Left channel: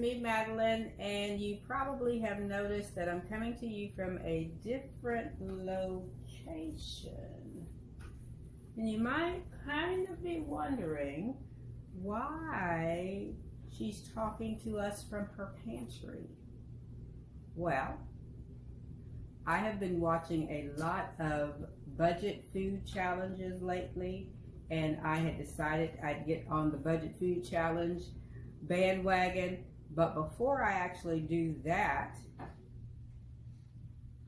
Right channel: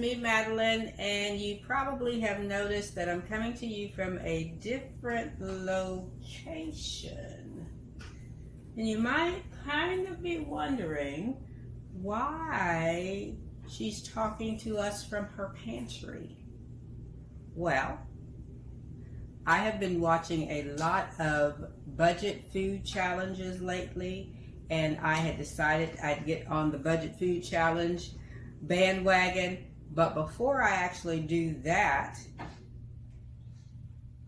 me, Madeline, and you probably have noticed that I'm coming to you from a different location. And you might kind of be wondering why she's talking to us from her pantry. Well, I have been watching a lot of budget food challenges lately, and I had decided I'd get on the budget food challenge bandwagon. But before I actually do that,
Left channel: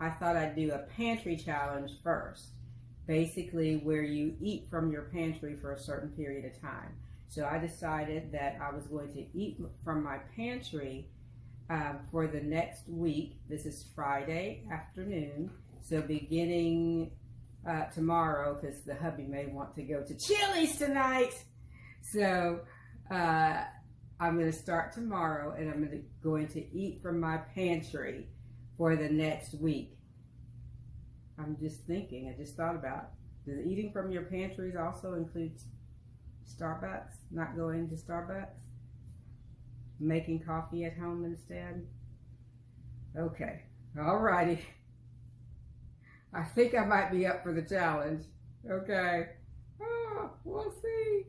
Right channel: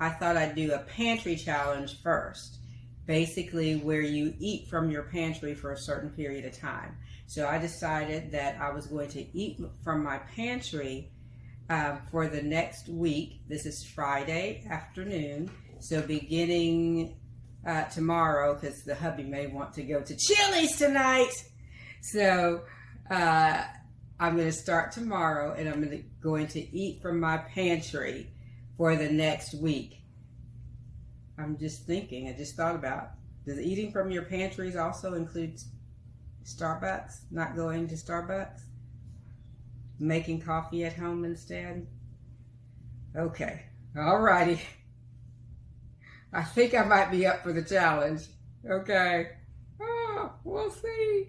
I thought I'd do a pantry challenge first, basically where you eat from your pantry for a certain period of time. So I decided that I was going to eat from my pantry for the next week. This is Friday afternoon, so beginning tomorrow, because the hubby may want to go to Chili's tonight. So I'm going to start tomorrow, and I'm going to eat from my pantry for the next week. I'm just thinking, I just thought about, does eating from your pantries also include Starbucks? Not going to Starbucks? Making coffee at home instead? Okay, alrighty. I think I might be up for the challenge. Okay, we'll see.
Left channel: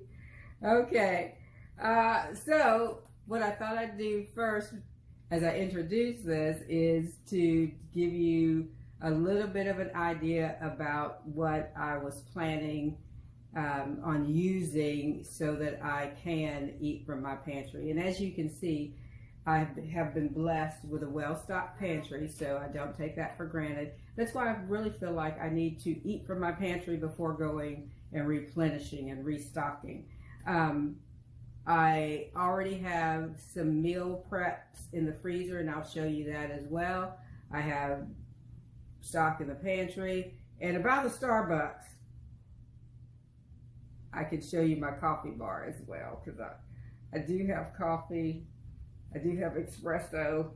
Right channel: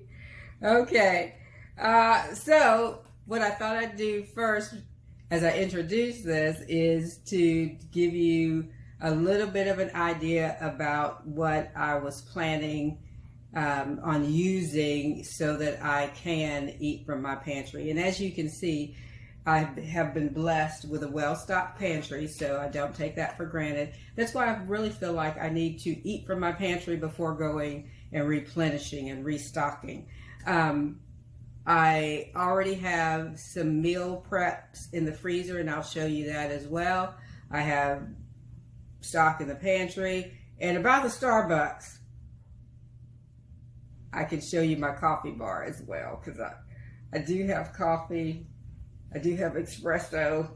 Okay, so what I thought I'd do first as I introduce this is to give you a little bit of an idea about what I was planning on using so that I can eat from my pantry. And as you can see, I have been blessed with a well-stocked pantry, so I don't take that for granted. That's why I really feel like I need to eat from my pantry before going and replenishing and restocking. I already have some meal preps in the freezer, and I'll show you that as well. I have stock in the pantry. And about the Starbucks, I can show you my coffee bar as well, because I do have coffee. I do have espresso.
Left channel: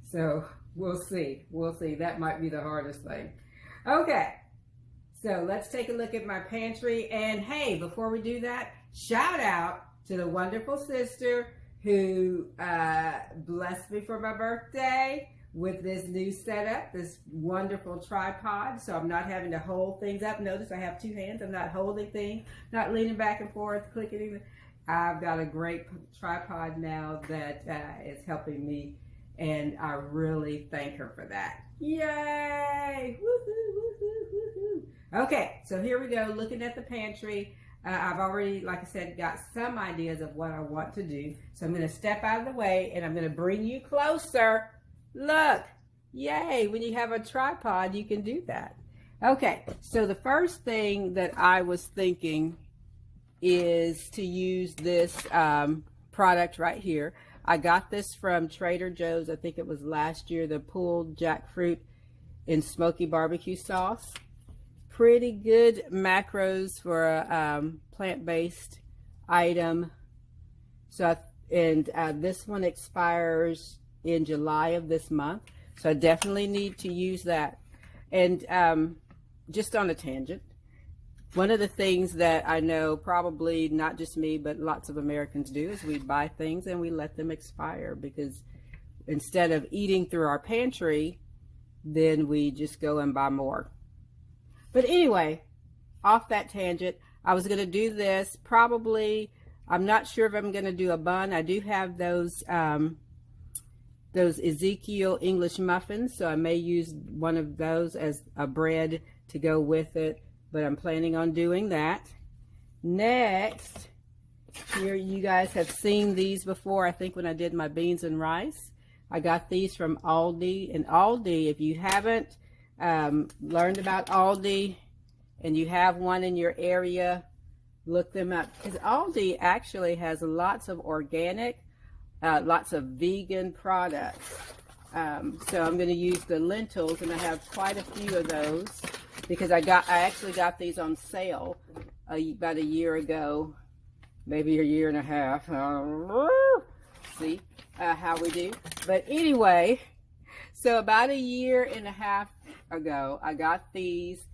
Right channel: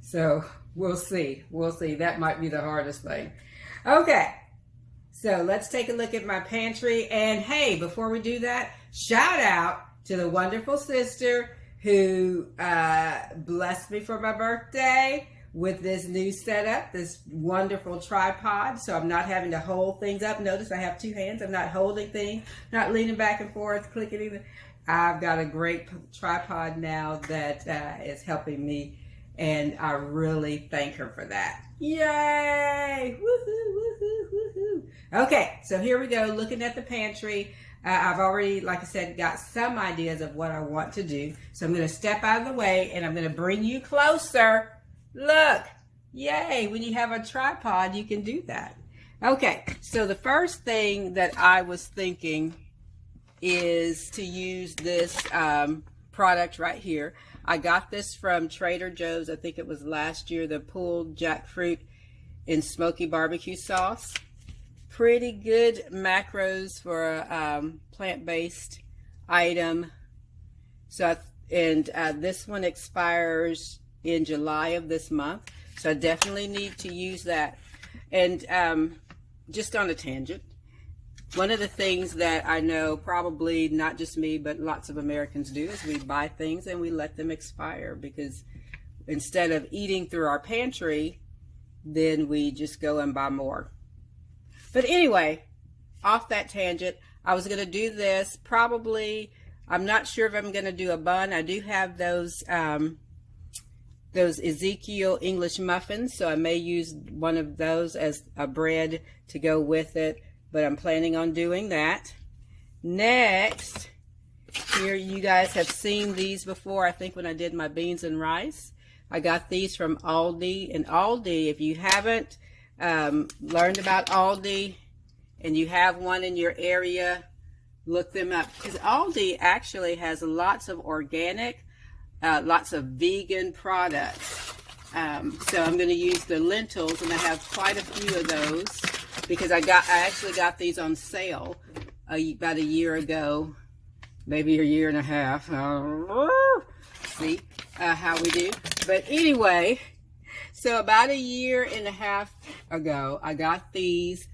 So we'll see. We'll see. That might be the hardest thing. Okay. So let's take a look at my pantry. And hey, before we do that, shout out to the wonderful sister who blessed me for my birthday with this new setup, this wonderful tripod. So I'm not having to hold things up. Notice I have two hands. I'm not holding things, not leaning back and forth, clicking either. I've got a great tripod now that is helping me, and I really thank her for that. Yay! Woohoo, woohoo, woohoo. Okay, so here we go, looking at the pantry. I've already, like I said, got some ideas of what I want to do. So I'm going to step out of the way, and I'm going to bring you closer. Look, yay, when you have a tripod, you can do that. Okay, so the first thing that I was thinking is to use this product right here. I got this from Trader Joe's. I think it was last year, the pulled jackfruit in smoky barbecue sauce. Pretty good macros for a plant-based item. So, and this one expires in July of this month. So I definitely need to use that. And just on a tangent, one of the things that I know probably not just me, but lots of Americans do is we buy things and we let them expire, because instead of eating through our pantry, then we just go and buy more. But anyway, off that tangent, I was going to do this probably, I'm not sure if I'm going to do a bun. I do have those Ezekiel English muffins, so I may use one of those as a bread to go with it. But I'm planning on doing that. Next, here you guys have seen these before, I think when I did my beans and rice. I got these from Aldi. And Aldi, if you haven't learned about Aldi and you have one in your area, look them up. Because Aldi actually has lots of organic, lots of vegan products. So I'm going to use the lentils, and I have quite a few of those, because I actually got these on sale about a year ago, maybe a year and a half. See how we do. But anyway, so about a year and a half ago, I got these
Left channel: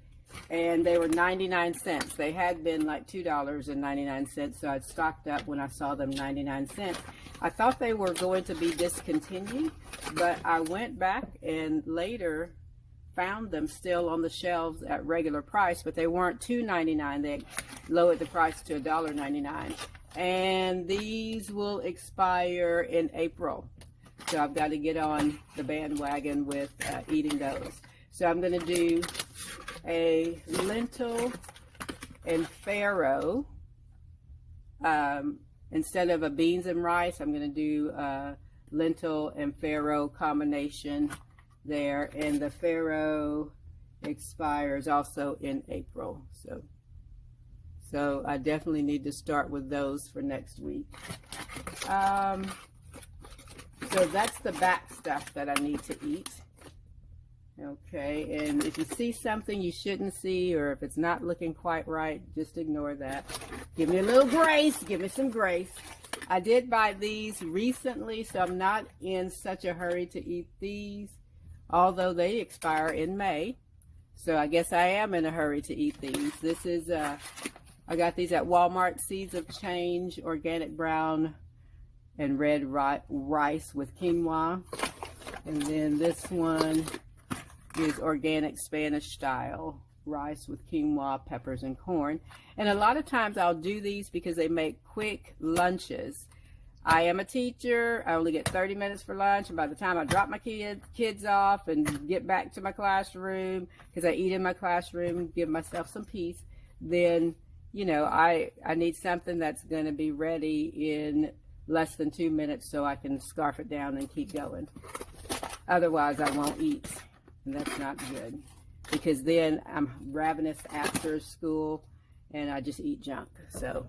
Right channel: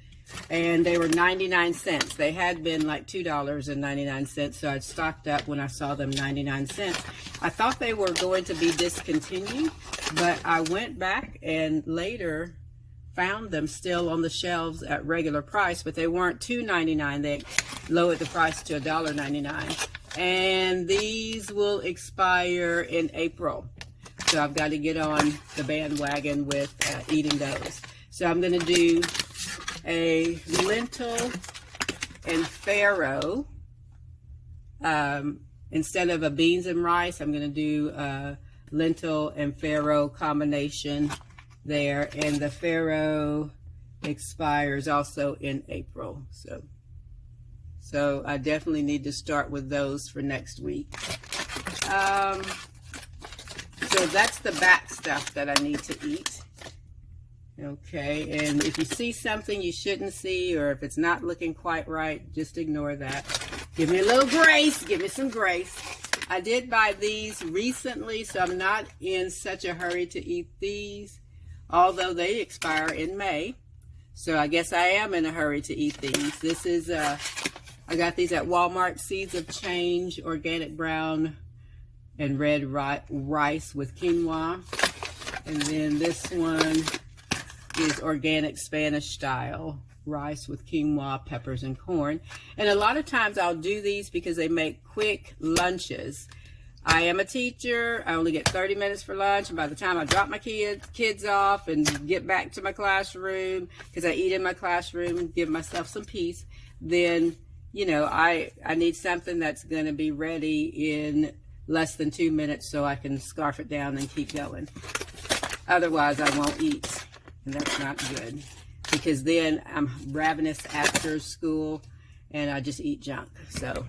and they were 99 cents. They had been like $2.99, so I stocked up when I saw them 99 cents. I thought they were going to be discontinued, but I went back and later found them still on the shelves at regular price, but they weren't $2.99. They lowered the price to $1.99. And these will expire in April. So I've got to get on the bandwagon with eating those. So I'm going to do a lentil and farro. Instead of a beans and rice, I'm going to do a lentil and farro combination there. And the farro expires also in April. So I definitely need to start with those for next week. So that's the back stuff that I need to eat. Okay, and if you see something you shouldn't see, or if it's not looking quite right, just ignore that. Give me a little grace. Give me some grace. I did buy these recently, so I'm not in such a hurry to eat these, although they expire in May. So I guess I am in a hurry to eat these. This is, I got these at Walmart, Seeds of Change, organic brown and red rice with quinoa. And then this one is organic Spanish style rice with quinoa, peppers, and corn. And a lot of times I'll do these because they make quick lunches. I am a teacher. I only get 30 minutes for lunch, and by the time I drop my kids off and get back to my classroom, because I eat in my classroom, give myself some peace, then, you know, I need something that's going to be ready in less than 2 minutes so I can scarf it down and keep going. Otherwise, I won't eat, and that's not good, because then I'm ravenous after school and I just eat junk. So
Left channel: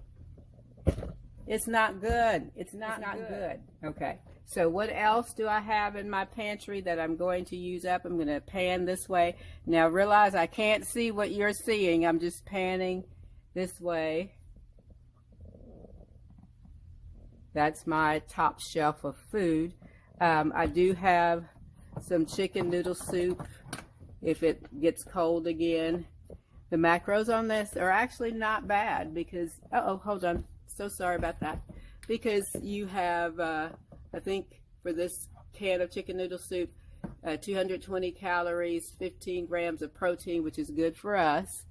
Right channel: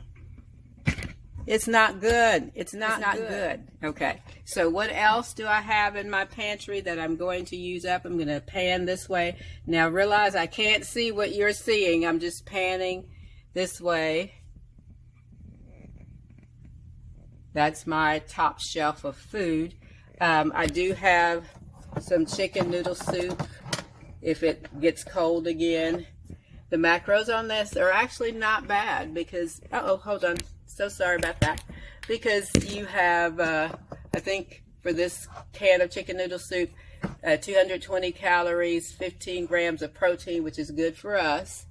it's not good. It's not good. Okay, so what else do I have in my pantry that I'm going to use up? I'm going to pan this way. Now realize I can't see what you're seeing. I'm just panning this way. That's my top shelf of food. I do have some chicken noodle soup if it gets cold again. The macros on this are actually not bad because, hold on. So sorry about that. Because you have, I think for this can of chicken noodle soup, 220 calories, 15 grams of protein, which is good for us,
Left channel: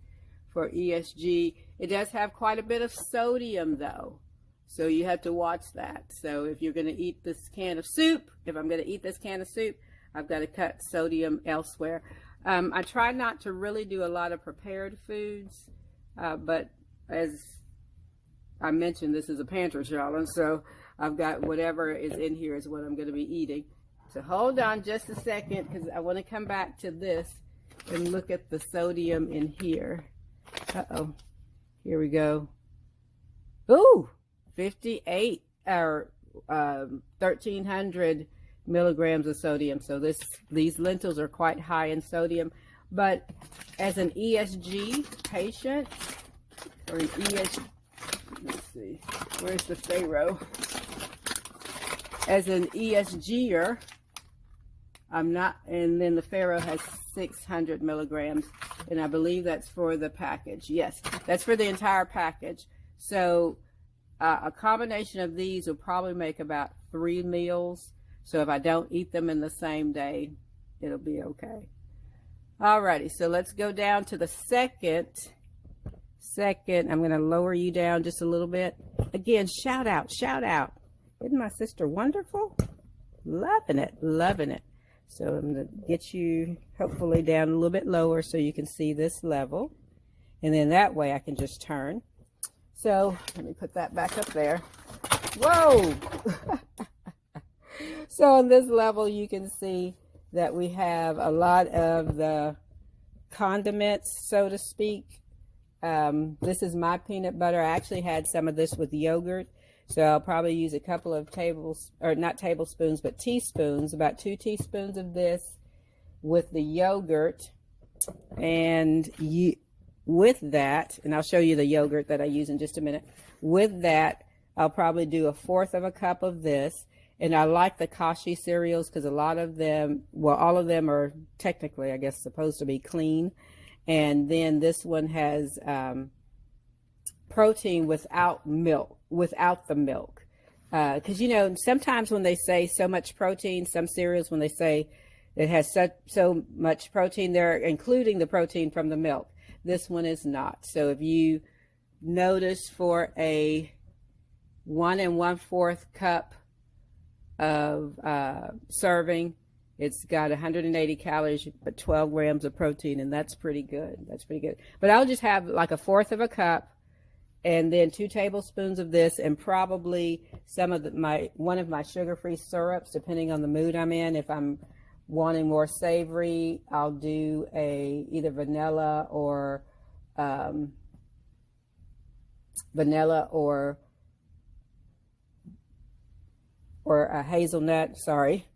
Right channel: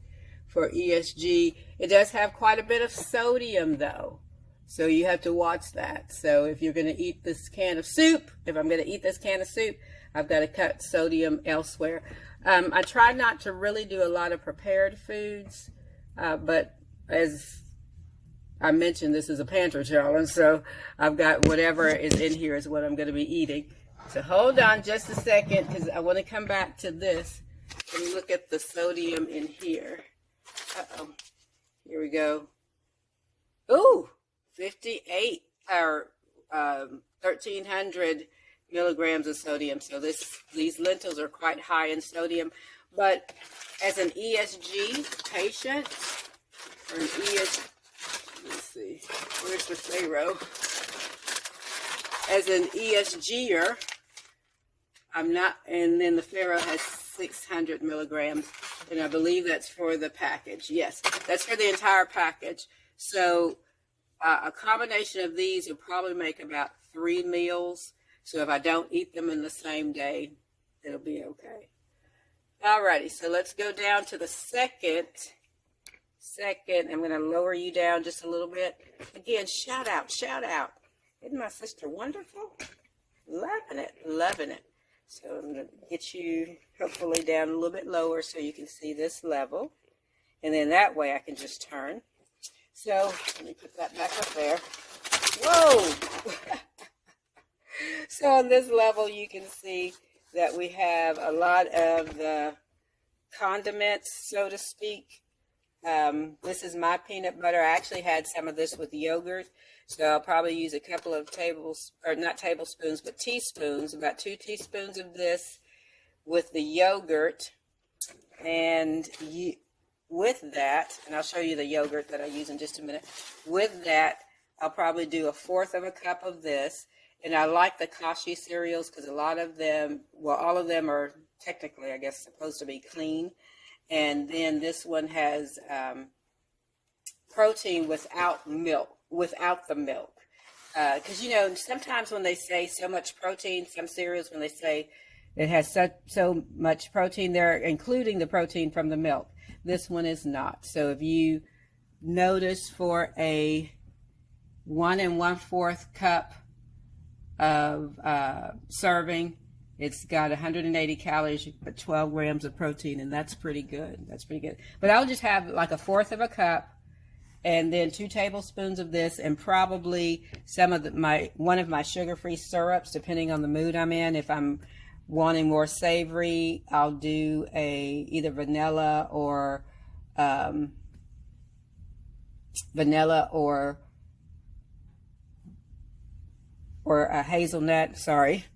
for ESG. It does have quite a bit of sodium though. So you have to watch that. So if you're going to eat this can of soup, if I'm going to eat this can of soup, I've got to cut sodium elsewhere. I try not to really do a lot of prepared foods, but as I mentioned, this is a pantry challenge, so I've got whatever is in here is what I'm going to be eating. So hold on just a second, because I want to come back to this and look at the sodium in here. Here we go. Ooh! 58 or 1,300 milligrams of sodium. So these lentils are quite high in sodium. But as an ESG patient, or an ESG, let's see, where's the farro? As an ESGer, I'm not, and then the farro has 600 milligrams, and I believe that's for the package. Yes, that's for the entire package. So a combination of these will probably make about 3 meals. So if I don't eat them in the same day, it'll be okay. Alrighty, so let's go down to the second. I'm going to lower you down just a little bit. Again, shout out, shout out. Isn't my sister wonderful? Loving it, loving it. So I'm going to get you hopefully down a little bit lower so you can see this level. And then that way I can just turn. So let me put that back up there. Whoa! So on this level you can see that we have a lot of the condiments, so to speak. This is my peanut butter. I actually had some of this with yogurt. So I'll probably use a couple of not tablespoons, but teaspoons, about 2 teaspoons of this with the yogurt. And with that, and I'll show you the yogurt that I use in just a minute. With that, I'll probably do 1/4 cup of this. And I like the Kashi cereals because a lot of them, well, all of them are technically, I guess, supposed to be clean. And then this one has protein without milk, without the milk. Because, you know, sometimes when they say so much protein, some cereals, when they say it has so much protein, they're including the protein from the milk. This one is not. So if you notice, for a 1 1/4 cup of serving, it's got 180 calories, but 12 grams of protein, and that's pretty good. That's pretty good. But I'll just have like 1/4 of a cup, and then 2 tablespoons of this, and probably some of one of my sugar-free syrups, depending on the mood I'm in. If I'm wanting more savory, I'll do either vanilla or a hazelnut. Sorry,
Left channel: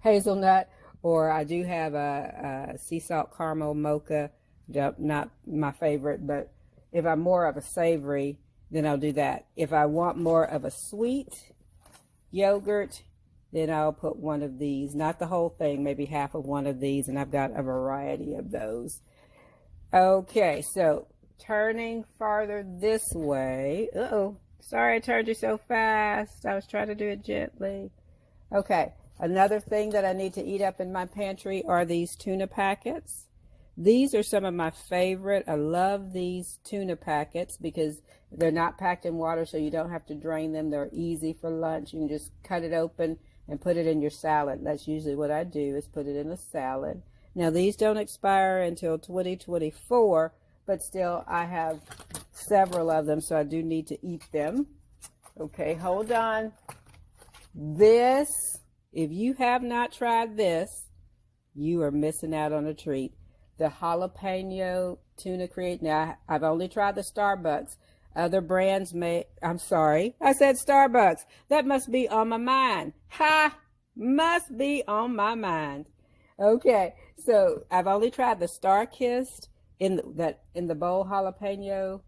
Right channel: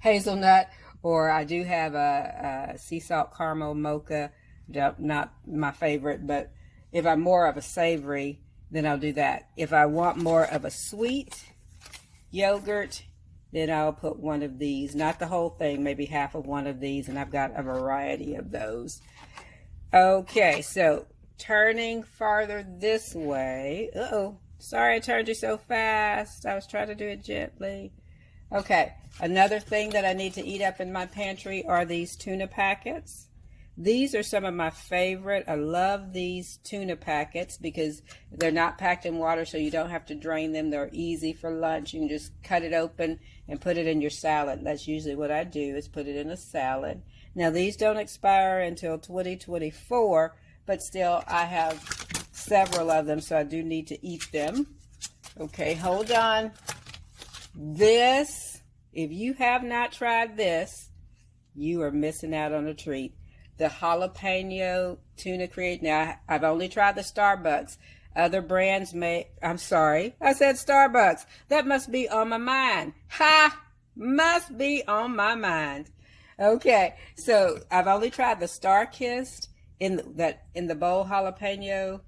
hazelnut. Or I do have a sea salt caramel mocha. Not my favorite, but if I'm more of a savory, then I'll do that. If I want more of a sweet yogurt, then I'll put one of these. Not the whole thing, maybe half of one of these, and I've got a variety of those. Okay, so turning farther this way. Uh-oh, sorry I turned you so fast. I was trying to do it gently. Okay, another thing that I need to eat up in my pantry are these tuna packets. These are some of my favorite. I love these tuna packets because they're not packed in water, so you don't have to drain them. They're easy for lunch. You can just cut it open and put it in your salad. That's usually what I do, is put it in a salad. Now, these don't expire until 2024, but still I have several of them, so I do need to eat them. Okay, hold on. This, if you have not tried this, you are missing out on a treat. The jalapeno tuna create. Now, I've only tried the Starbucks. Other brands I'm sorry, I said Starbucks. That must be on my mind. Ha! Must be on my mind. Okay, so I've only tried the Star-Kissed in the bowl jalapeno.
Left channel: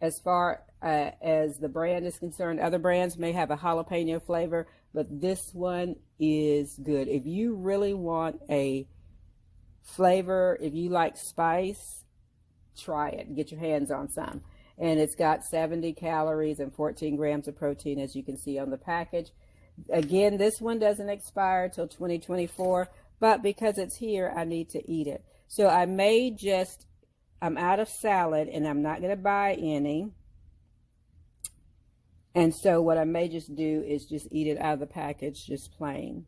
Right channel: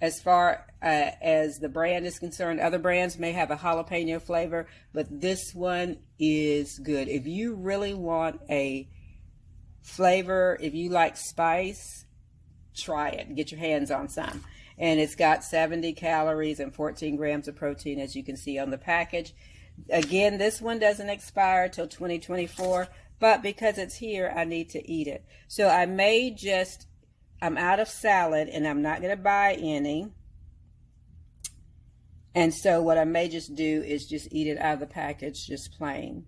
As far as the brand is concerned, other brands may have a jalapeno flavor, but this one is good. If you really want a flavor, if you like spice, try it. Get your hands on some. And it's got 70 calories and 14 grams of protein, as you can see on the package. Again, this one doesn't expire till 2024, but because it's here, I need to eat it. So I'm out of salad, and I'm not going to buy any. And so what I may just do is just eat it out of the package, just plain.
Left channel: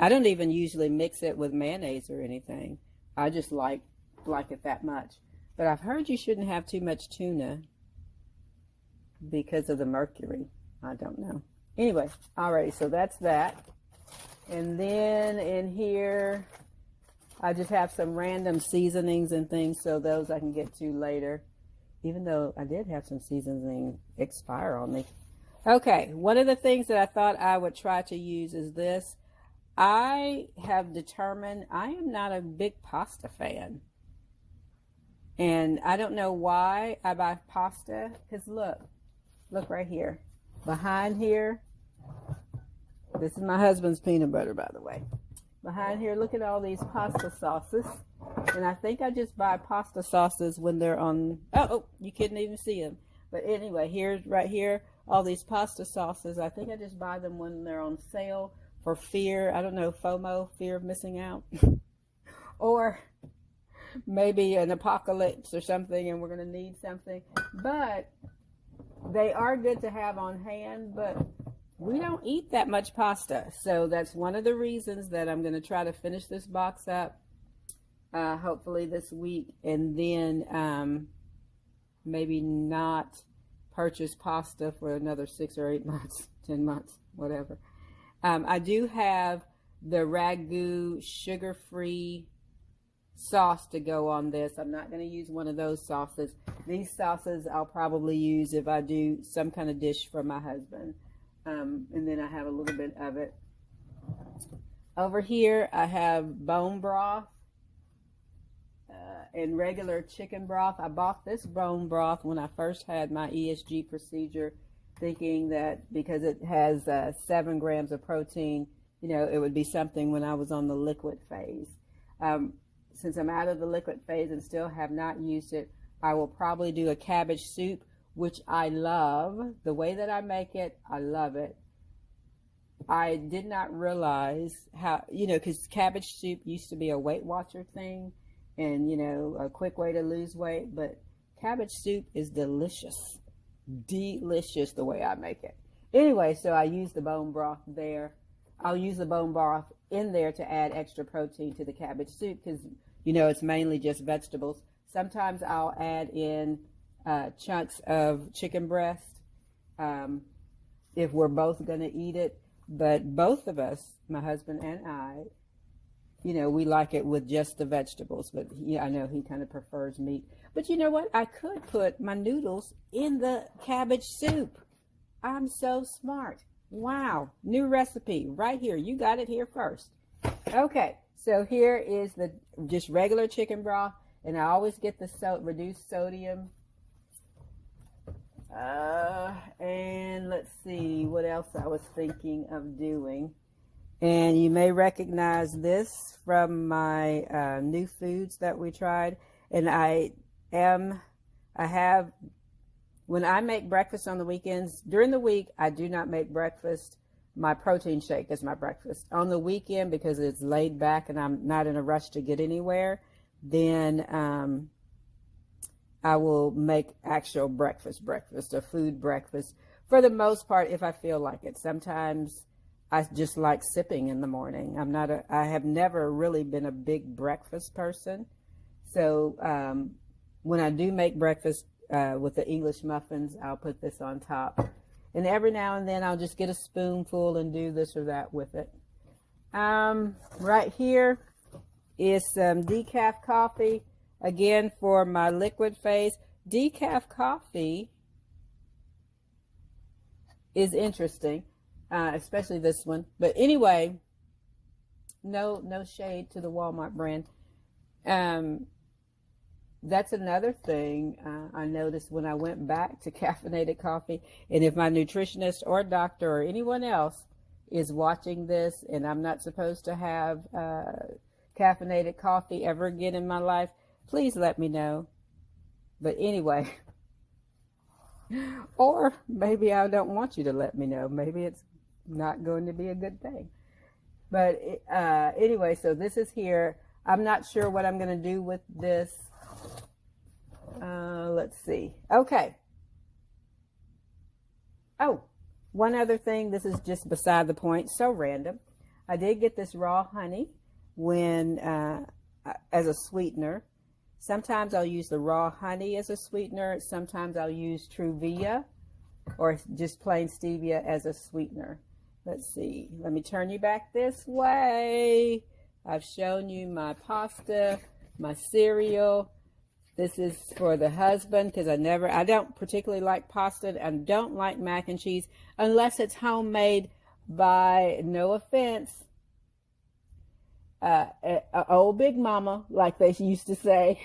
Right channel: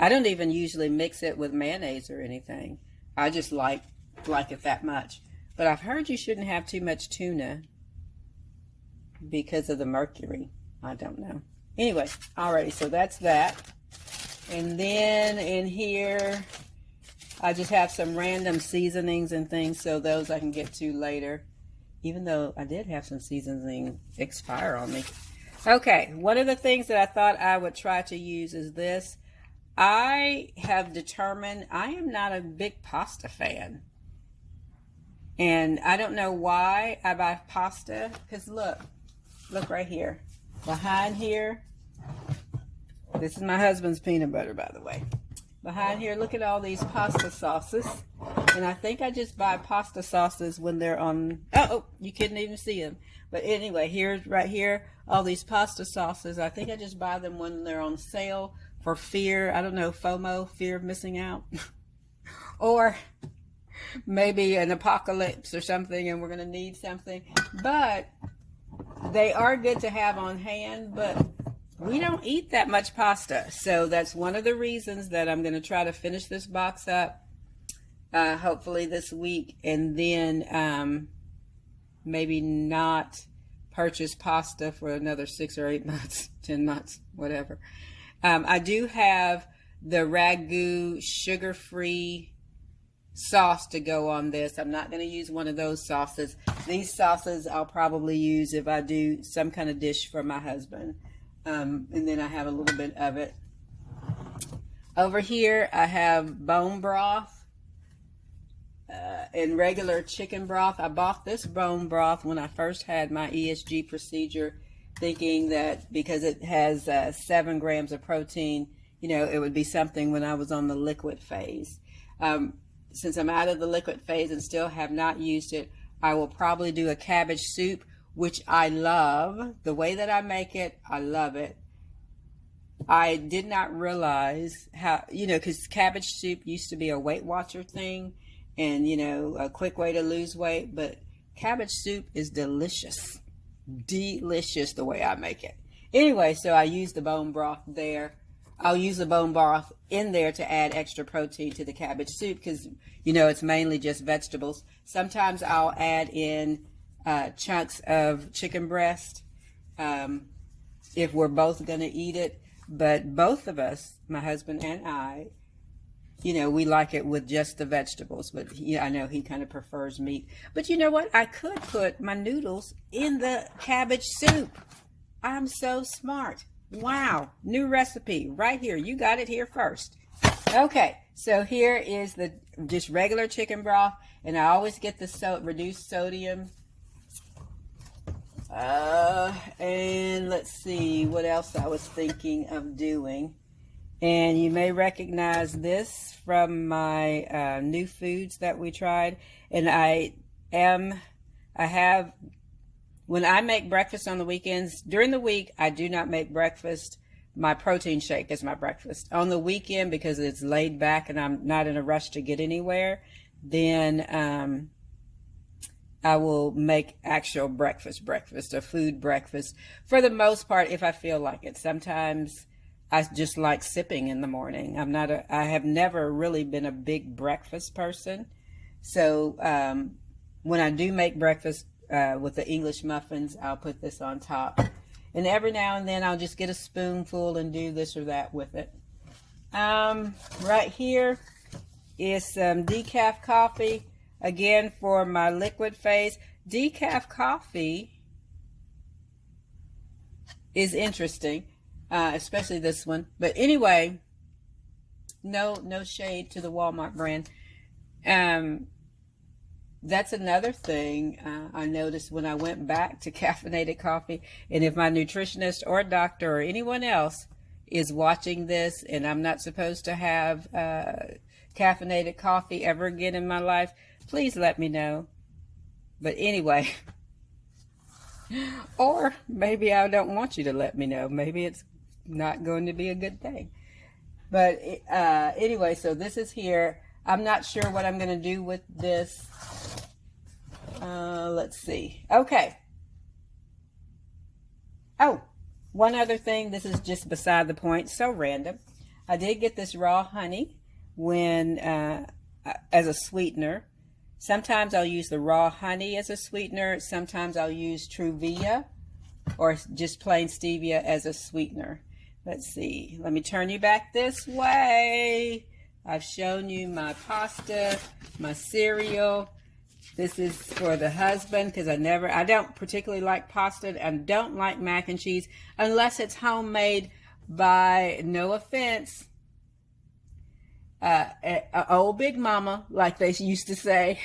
I don't even usually mix it with mayonnaise or anything. I just like it that much. But I've heard you shouldn't have too much tuna because of the mercury. I don't know. Anyway, alrighty, so that's that. And then in here, I just have some random seasonings and things, so those I can get to later, even though I did have some seasoning expire on me. Okay, one of the things that I thought I would try to use is this. I have determined I am not a big pasta fan. And I don't know why I buy pasta, because look right here. Behind here, this is my husband's peanut butter, by the way. Behind here, look at all these pasta sauces. And I think I just buy pasta sauces when they're on, oh, you couldn't even see them. But anyway, right here, all these pasta sauces, I think I just buy them when they're on sale for fear, I don't know, FOMO, fear of missing out. Or maybe an apocalypse or something and we're going to need something. But they are good to have on hand, but we don't eat that much pasta. So that's one of the reasons that I'm going to try to finish this box up, hopefully this week, and then maybe not purchase pasta for another 6 or 8 months, 10 months, whatever. I do have the ragu sugar-free sauce to go on this. I'm not going to use one of those sauces. These sauces I'll probably use if I do some kind of dish for my husband. And then I have a little bit of it. Over here I have bone broth and regular chicken broth. I bought this bone broth when I first had my ESG procedure, thinking that because it has 7 grams of protein, you know, it would be something when I was on the liquid phase. since I'm out of the liquid phase and still have not used it, I will probably do a cabbage soup, which I love. The way that I make it, I love it. I did not realize how, because cabbage soup used to be a Weight Watcher thing and, a quick way to lose weight, but cabbage soup is delicious. Delicious the way I make it. Anyway, so I use the bone broth there. I'll use the bone broth in there to add extra protein to the cabbage soup because, it's mainly just vegetables. Sometimes I'll add in chunks of chicken breast if we're both going to eat it. But both of us, my husband and I, we like it with just the vegetables. But I know he kind of prefers meat. But you know what? I could put my noodles in the cabbage soup. I'm so smart. Wow. New recipe right here. You got it here first. Okay. So here is the just regular chicken broth. And I always get the reduced sodium. And let's see what else I was thinking of doing. And you may recognize this from my new foods that we tried. And when I make breakfast on the weekends, during the week, I do not make breakfast. My protein shake is my breakfast. On the weekend, because it's laid back and I'm not in a rush to get anywhere, then I will make actual breakfast, a food breakfast. For the most part, if I feel like it. Sometimes I just like sipping in the morning. I have never really been a big breakfast person. So when I do make breakfast with the English muffins, I'll put this on top. And every now and then I'll just get a spoonful and do this or that with it. Right here is some decaf coffee. Again, for my liquid phase. Decaf coffee is interesting, especially this one. But anyway, no shade to the Walmart brand. That's another thing I noticed when I went back to caffeinated coffee. And if my nutritionist or doctor or anyone else is watching this and I'm not supposed to have caffeinated coffee ever again in my life, please let me know. But anyway, or maybe I don't want you to let me know. Maybe it's not going to be a good thing. But anyway, so this is here. I'm not sure what I'm going to do with this. Let's see. Okay. Oh, one other thing. This is just beside the point. So random. I did get this raw honey as a sweetener. Sometimes I'll use the raw honey as a sweetener. Sometimes I'll use Truvia or just plain stevia as a sweetener. Let's see. Let me turn you back this way. I've shown you my pasta, my cereal. This is for the husband because I don't particularly like pasta and don't like mac and cheese unless it's homemade by, no offense, old Big Mama, like they used to say.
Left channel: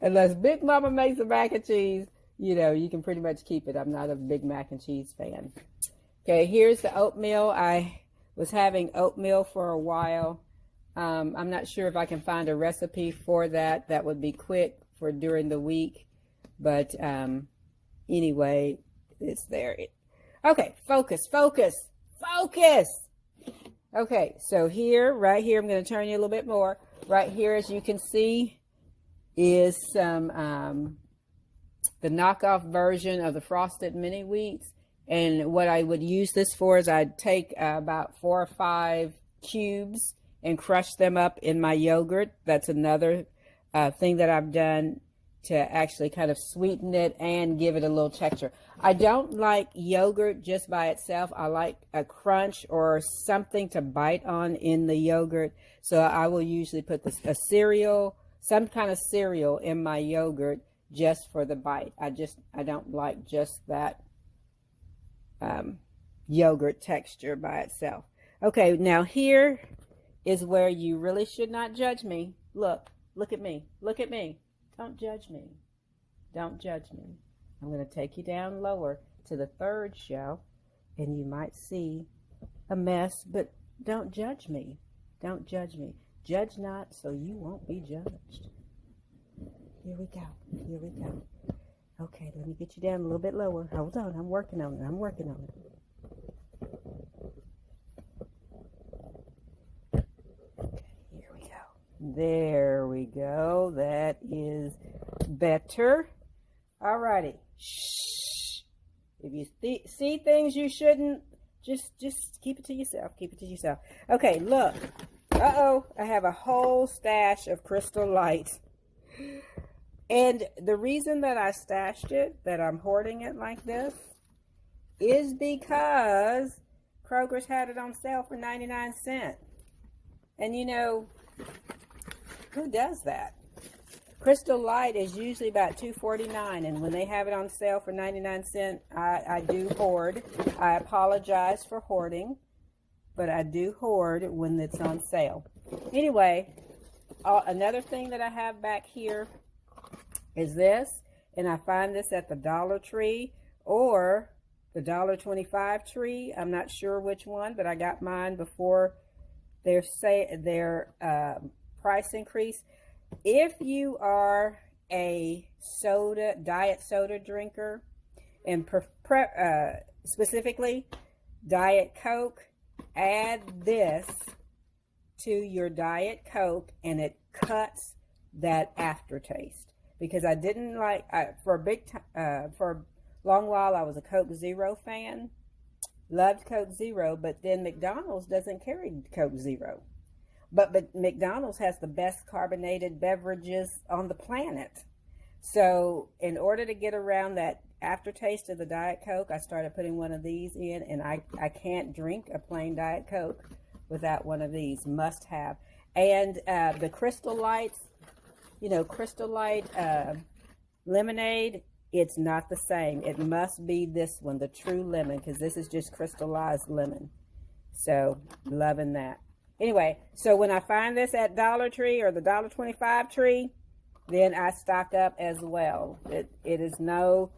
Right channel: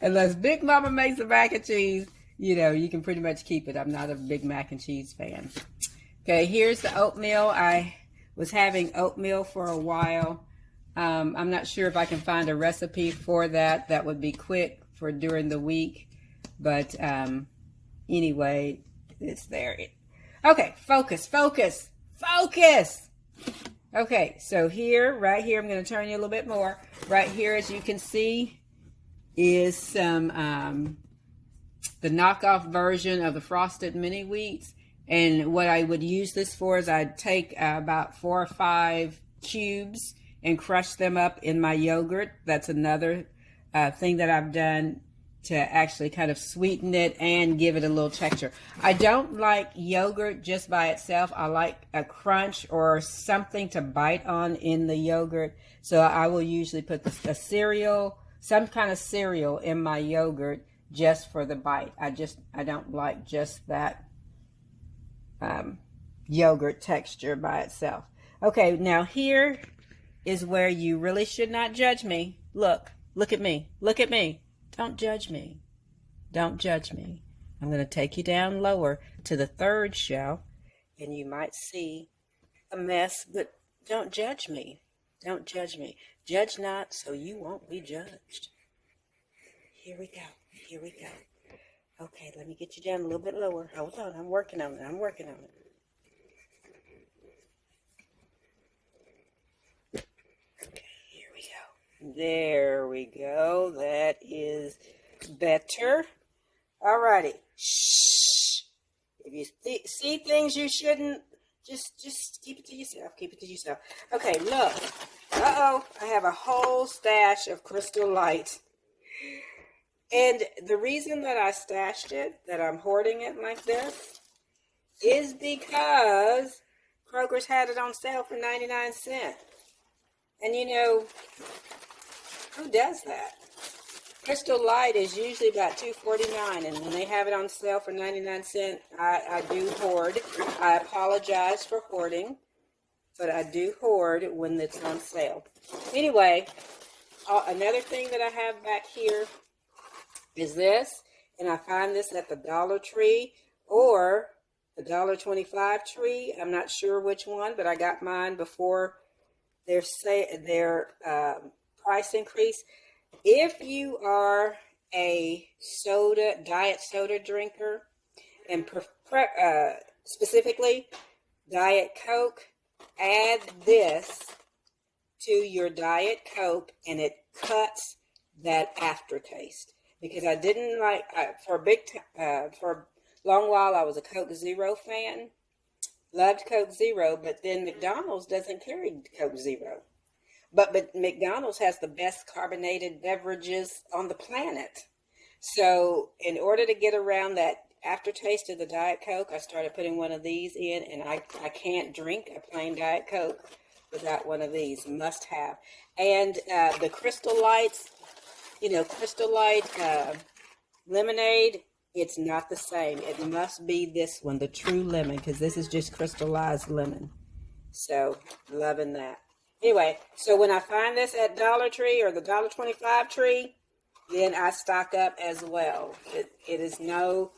Unless Big Mama makes a mac and cheese, you can pretty much keep it. I'm not a big mac and cheese fan. Okay, here's the oatmeal. I was having oatmeal for a while. I'm not sure if I can find a recipe for that. That would be quick for during the week. But anyway, it's there. Okay, focus. Okay, so right here, I'm going to turn you a little bit more. Right here, as you can see, is some the knockoff version of the frosted mini wheats. And what I would use this for is I'd take about 4 or 5 cubes and crush them up in my yogurt. That's another thing that I've done to actually kind of sweeten it and give it a little texture. I don't like yogurt just by itself. I like a crunch or something to bite on in the yogurt. So I will usually put some kind of cereal in my yogurt just for the bite. I don't like just that yogurt texture by itself. Okay, now here is where you really should not judge me. Look at me. Don't judge me. I'm going to take you down lower to the 3rd shelf, and you might see a mess, but don't judge me. Don't judge me. Judge not, so you won't be judged. Here we go. Here we go. Okay, let me get you down a little bit lower. Hold on. I'm working on it. I'm working on it. Okay, here we go. There we go. That is better. Alrighty. Shh. If you see things you shouldn't, just keep it to yourself. Keep it to yourself. Okay, look. Uh-oh. I have a whole stash of Crystal Light. And the reason that I stashed it, that I'm hoarding it like this, is because Kroger's had it on sale for 99 cents. And you know, who does that? Crystal Light is usually about $2.49, and when they have it on sale for 99 cents, I do hoard. I apologize for hoarding, but I do hoard when it's on sale. Anyway, another thing that I have back here is this, and I find this at the Dollar Tree or the $1.25 tree. I'm not sure which one, but I got mine before their price increase. If you are a diet soda drinker, and specifically Diet Coke, add this to your Diet Coke, and it cuts that aftertaste. Because I didn't like, for a long while I was a Coke Zero fan, loved Coke Zero, but then McDonald's doesn't carry Coke Zero. But McDonald's has the best carbonated beverages on the planet. So in order to get around that aftertaste of the Diet Coke, I started putting one of these in, and I can't drink a plain Diet Coke without one of these. Must have. And the Crystal Lights, you know, Crystal Light lemonade, it's not the same. It must be this one, the True Lemon, because this is just crystallized lemon. So, loving that. Anyway, so when I find this at Dollar Tree or the $1.25 tree, then I stock up as well. It is no,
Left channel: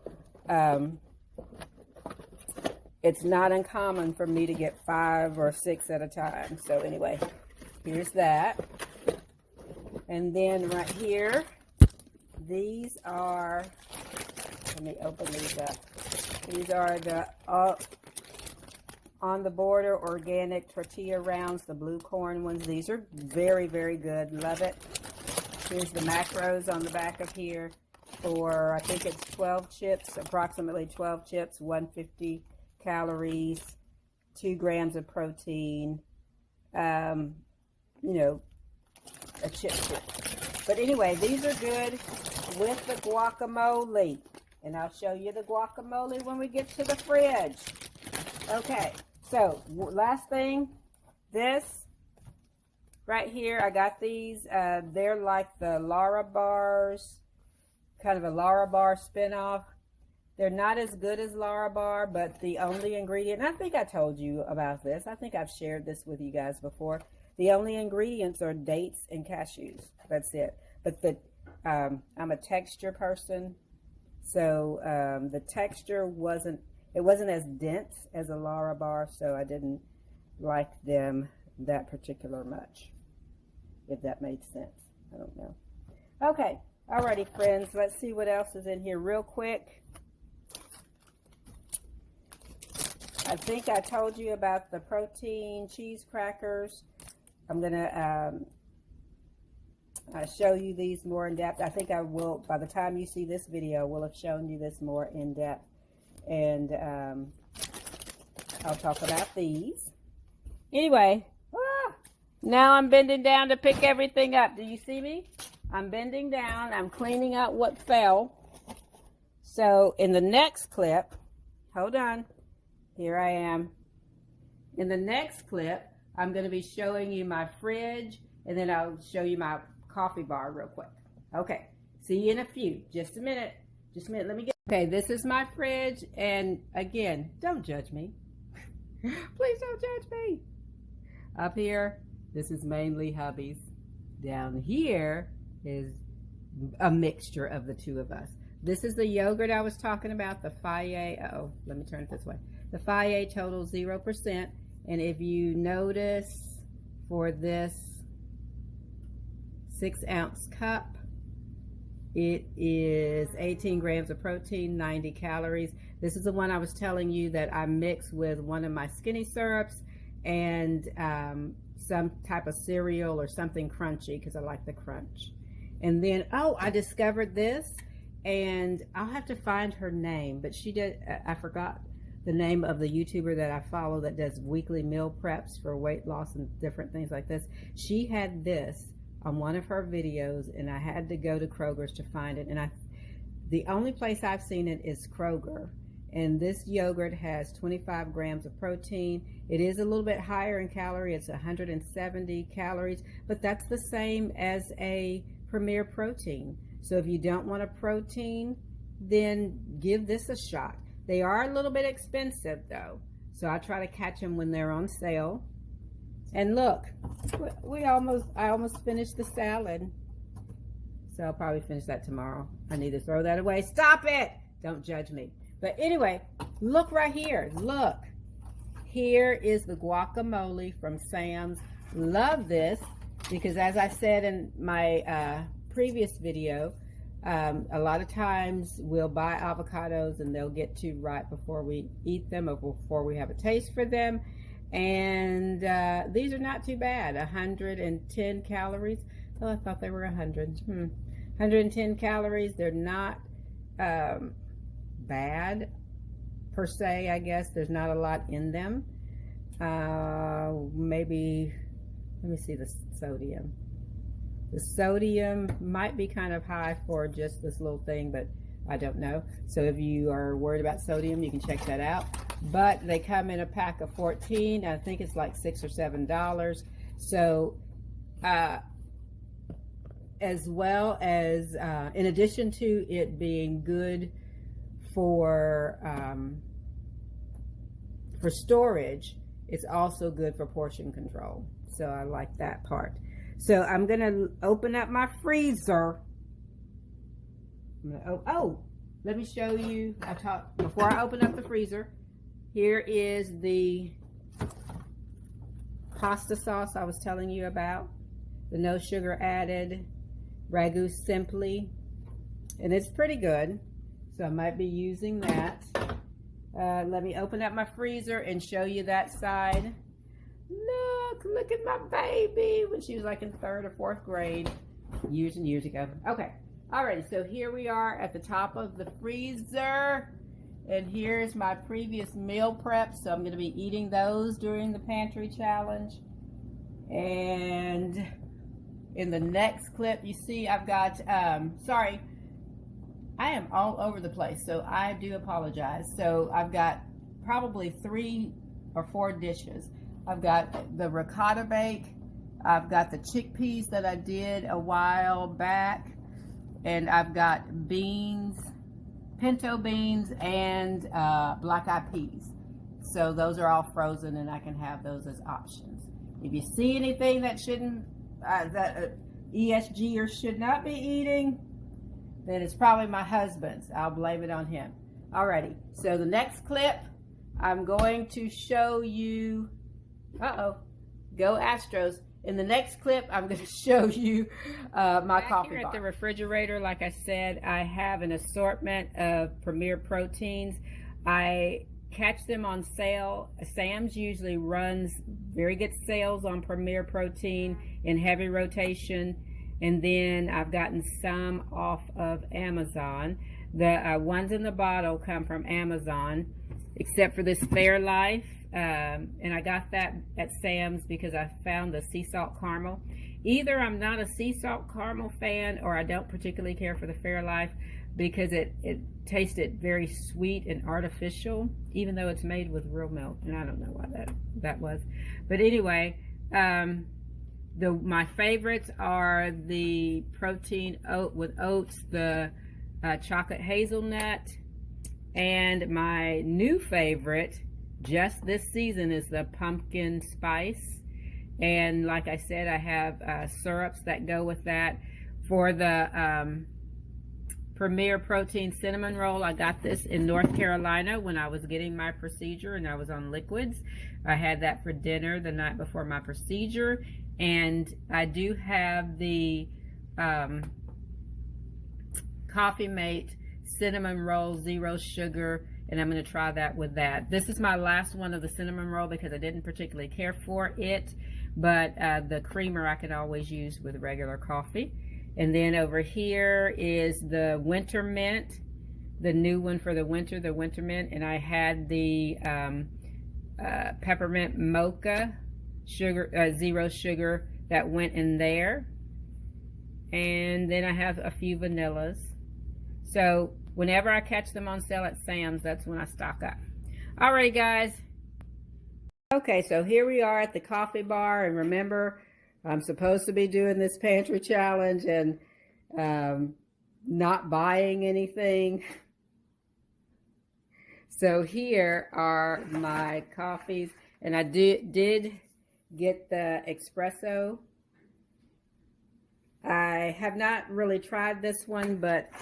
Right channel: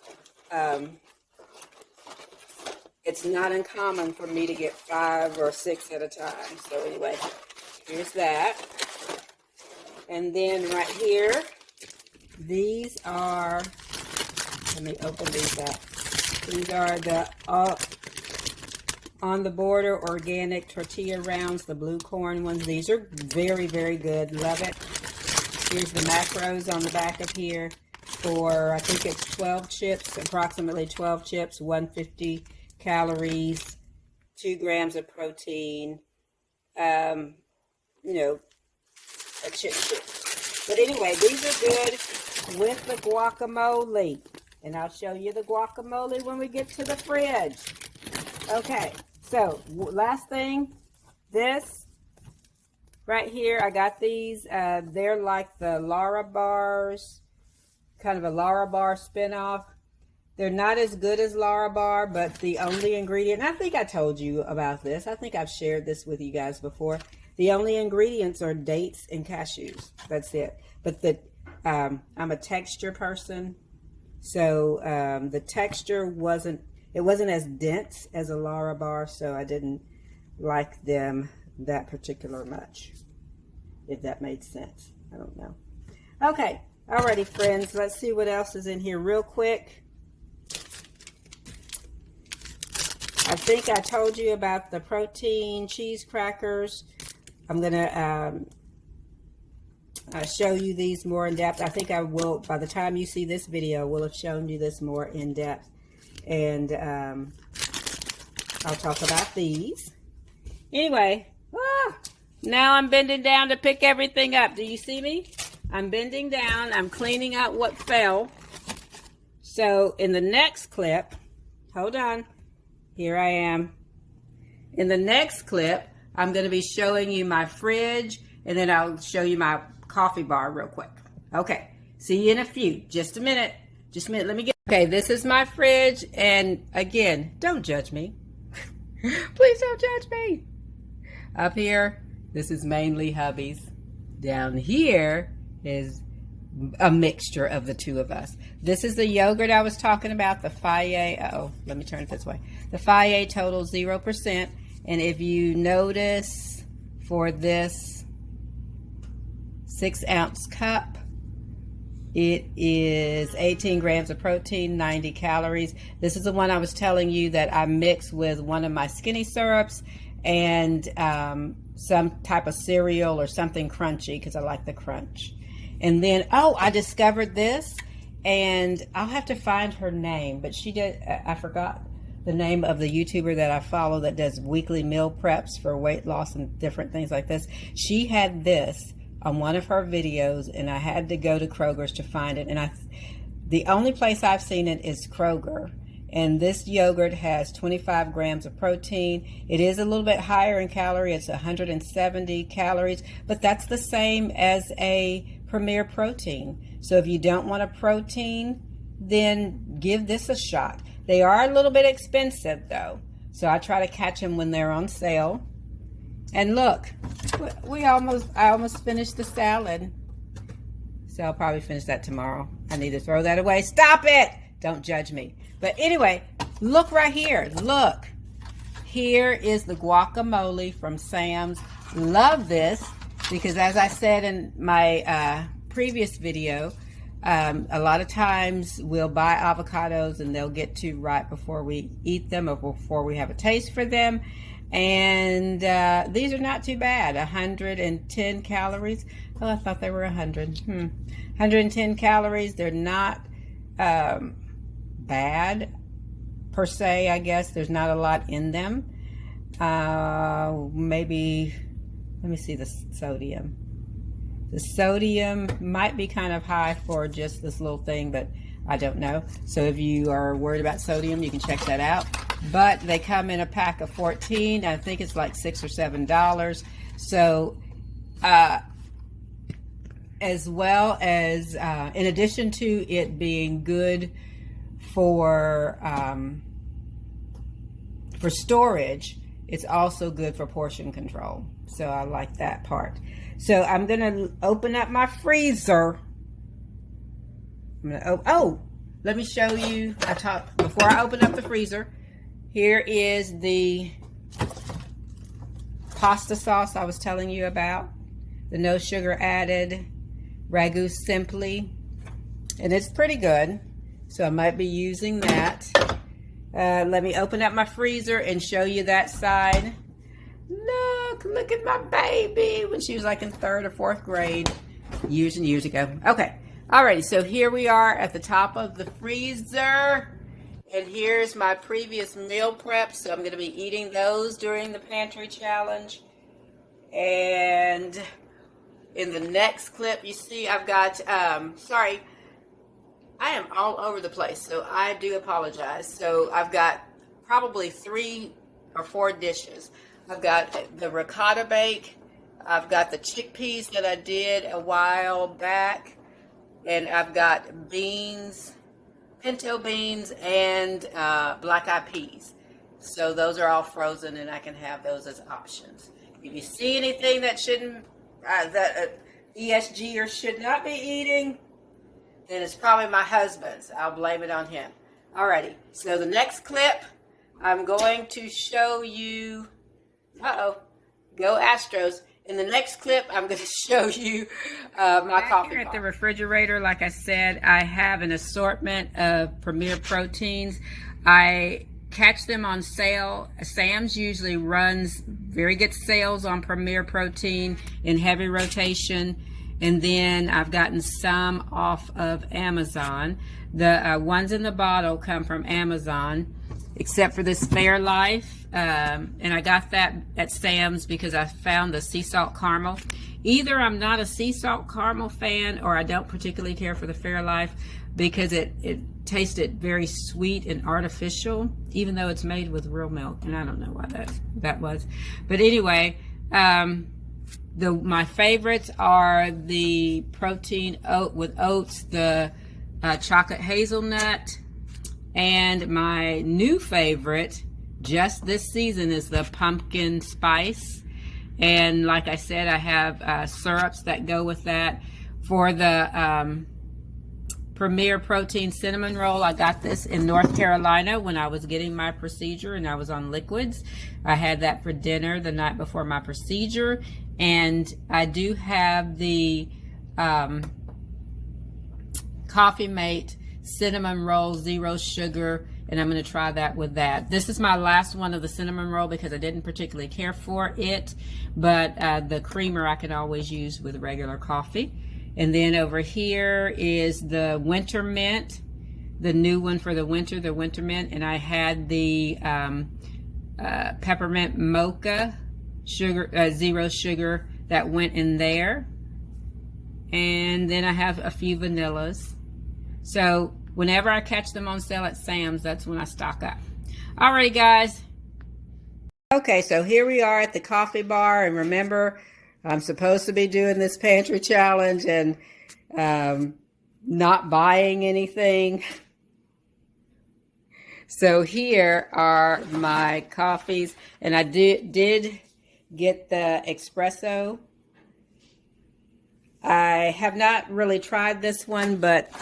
it's not uncommon for me to get 5 or 6 at a time. So anyway, here's that. And then right here, these are, let me open these up. These are the On the Border organic tortilla rounds, the blue corn ones. These are very, very good. Love it. Here's the macros on the back of here for, I think it's 12 chips, approximately 12 chips, 150 calories, 2 grams of protein, you know, a chip. But anyway, these are good with the guacamole. And I'll show you the guacamole when we get to the fridge. Okay, so last thing, this right here, I got these. They're like the Lara bars, kind of a Lara bar spinoff. They're not as good as Lara bar, but the only ingredient, and I think I told you about this. I think I've shared this with you guys before. The only ingredients are dates and cashews. That's it. But I'm a texture person, so the texture wasn't as dense as a Lara bar, so I didn't like them that particular much, if that made sense. I don't know. Okay, alrighty, friends. Let's see what else is in here real quick. I think I told you about the protein cheese crackers. I'm going to show you these more in depth. I think I will, by the time you see this video, will have shown you this more in depth. And I'll talk about these. Anyway, now I'm bending down to pick everything up. Do you see me? I'm bending down. I'm cleaning up what fell. So in the next clip, hold on. Here I am. In the next clip, I'm going to be showing you my fridge, and then I'll show you my coffee bar real quick. Okay, see you in a few. Just a minute. Just a minute. Let me get... Okay, this is my fridge, and again, don't judge me. Please don't judge me. Up here, this is mainly hubby's. Down here is a mixture of the two of us. This is the yogurt I was talking about, the Fage. Oh, let me turn it this way. The Fage Total 0%. And if you notice for this 6-ounce cup. It is 18 grams of protein, 90 calories. This is the one I was telling you that I mix with one of my skinny syrups and some type of cereal or something crunchy because I like the crunch. And then, oh, I discovered this, and I'll have to find her name, but she did, I forgot the name of the YouTuber that I follow that does weekly meal preps for weight loss and different things like this. She had this on one of her videos, and I had to go to Kroger's to find it. And the only place I've seen it is Kroger. And this yogurt has 25 grams of protein. It is a little bit higher in calorie. It's 170 calories, but that's the same as a Premier Protein. So if you don't want a protein, then give this a shot. They are a little bit expensive though, so I try to catch them when they're on sale. And look, I almost finished the salad. So I'll probably finish that tomorrow. I need to throw that away. Stop it! Don't judge me. But anyway, look right here. Look. Here is the guacamole from Sam's. Love this because, as I said in my previous video, a lot of times we'll buy avocados and they'll get too ripe before we eat them or before we have a taste for them. And these are not too bad. 110 calories. Oh, I thought they were 100. 110 calories. They're not bad per se, I guess. There's not a lot in them. Maybe, let me see the sodium. The sodium might be kind of high for just this little thing, but I don't know. So if you are worried about sodium, you can check that out. But they come in a pack of 14. I think it's like $6 or $7. So as well as, in addition to it being good for storage, it's also good for portion control. So I like that part. So I'm going to open up my freezer. Let me show you. Before I open up the freezer, here is the pasta sauce I was telling you about. The no sugar added Ragu Simply. And it's pretty good. So I might be using that. Let me open up my freezer and show you that side. Look at my baby when she was like in 3rd or 4th grade years and years ago. Okay, alrighty, so here we are at the top of the freezer, and here's my previous meal prep. So I'm going to be eating those during the pantry challenge. And in the next clip, you see I've got sorry, I am all over the place, so I do apologize. So I've got probably 3 or 4 dishes. I've got the ricotta bake, I've got the chickpeas that I did a while back, and I've got beans, pinto beans, and black-eyed peas. So those are all frozen, and I can have those as options. If you see anything that shouldn't, that ESGer should not be eating, then it's probably my husband's. I'll blame it on him. Alrighty, so the next clip, I'm going to show you, go Astros. In the next clip, I'm going to show you my coffee bar. Here at the refrigerator, like I said, I have an assortment of Premier Proteins. I catch them on sale. Sam's usually runs very good sales on Premier Protein in heavy rotation. And then I've gotten some off of Amazon. The ones in the bottle come from Amazon, except for this Fairlife. And I got that at Sam's because I found the sea salt caramel. Either I'm not a sea salt caramel fan, or I don't particularly care for the Fairlife because it tasted very sweet and artificial, even though it's made with real milk. And I don't know why that was. But anyway, my favorites are the protein oat with oats, the chocolate hazelnut, and my new favorite just this season is the pumpkin spice. And like I said, I have syrups that go with that. For the Premier Protein Cinnamon Roll. I got this in North Carolina when I was getting my procedure and I was on liquids. I had that for dinner the night before my procedure. And I do have the Coffee Mate Cinnamon Roll, 0 sugar, and I'm going to try that with that. This is my last one of the cinnamon roll because I didn't particularly care for it, but the creamer I can always use with regular coffee. And then over here is the Winter Mint, the new one for the winter mint, and I had the peppermint mocha sugar, 0 sugar, that went in there. And then I have a few vanillas. So whenever I catch them on sale at Sam's, that's when I stock up. Alrighty, guys. Okay, so here we are at the coffee bar, and remember, I'm supposed to be doing this pantry challenge and not buying anything. So here are my coffees, and I did get the espresso. I have not really tried this one, but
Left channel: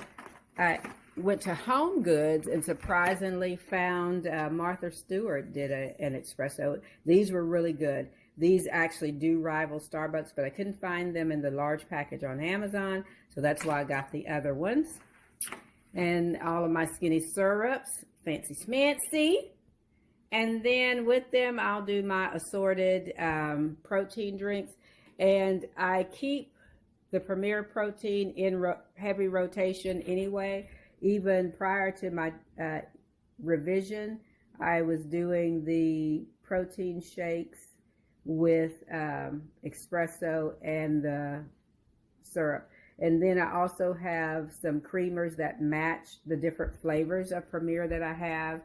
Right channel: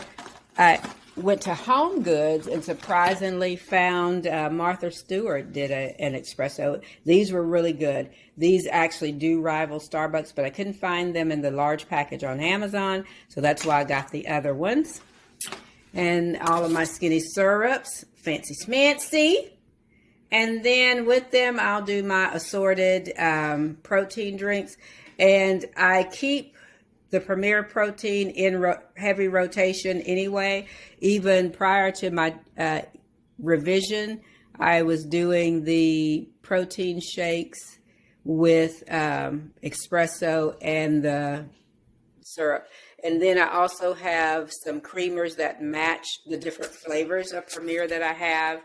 I went to Home Goods and surprisingly found Martha Stewart did an espresso. These were really good. These actually do rival Starbucks, but I couldn't find them in the large package on Amazon, so that's why I got the other ones. And all of my skinny syrups, fancy schmancy. And then with them, I'll do my assorted protein drinks. And I keep the Premier Protein in heavy rotation anyway. Even prior to my revision, I was doing the protein shakes with espresso and the syrup. And then I also have some creamers that match the different flavors of Premier that I have.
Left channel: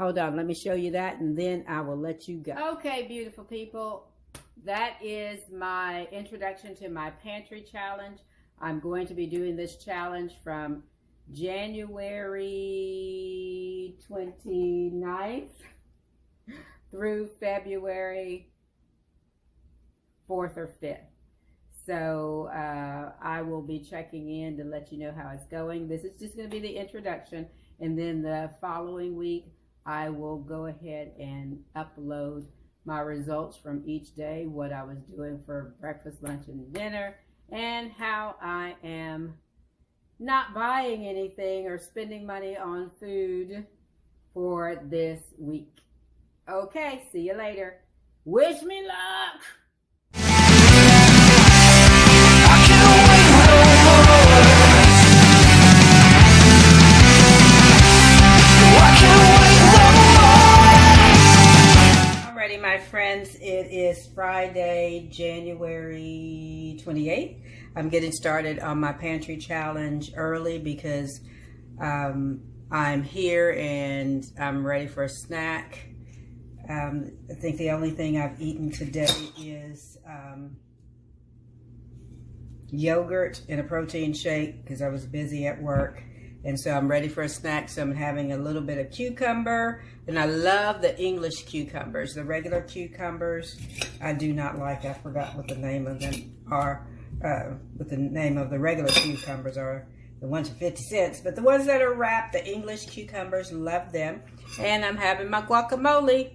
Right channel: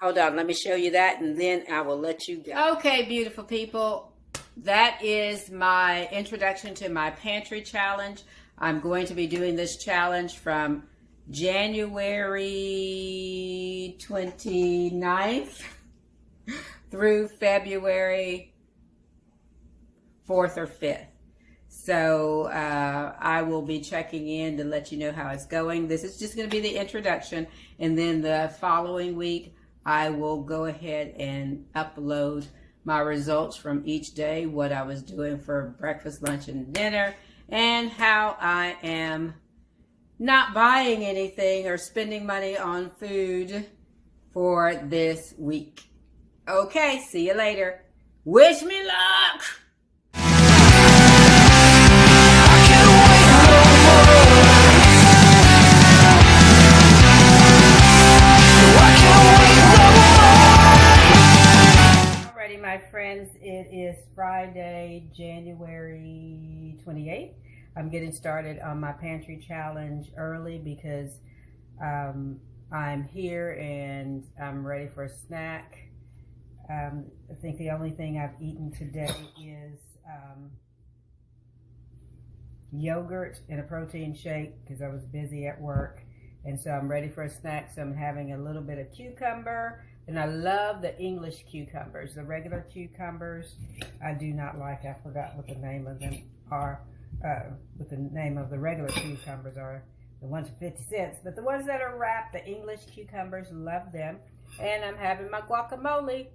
Hold on, let me show you that, and then I will let you go. Okay, beautiful people, that is my introduction to my pantry challenge. I'm going to be doing this challenge from January 29th through February 4th or 5th. So I will be checking in to let you know how it's going. This is just going to be the introduction, and then the following week I will go ahead and upload my results from each day, what I was doing for breakfast, lunch, and dinner, and how I am not buying anything or spending money on food for this week. Okay, see you later. Wish me luck! My friends, it is Friday, January 28th. I'm getting started on my pantry challenge early because I'm here and I'm ready for a snack. I think the only thing I've eaten today is yogurt and a protein shake because I was busy at work. And so I'm ready for a snack, so I'm having a little bit of cucumber. And I love the English cucumbers. The regular cucumbers, I do not like. I forgot what the name of them are. What the name of the regular cucumbers are. The ones for 50 cents. But the ones that are wrapped, the English cucumbers, love them. And I'm having my guacamole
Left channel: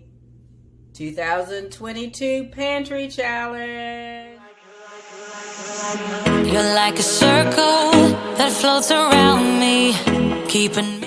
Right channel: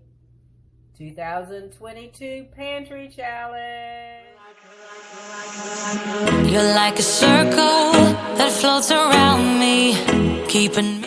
2022 Pantry Challenge. You're like a circle that floats around me, keeping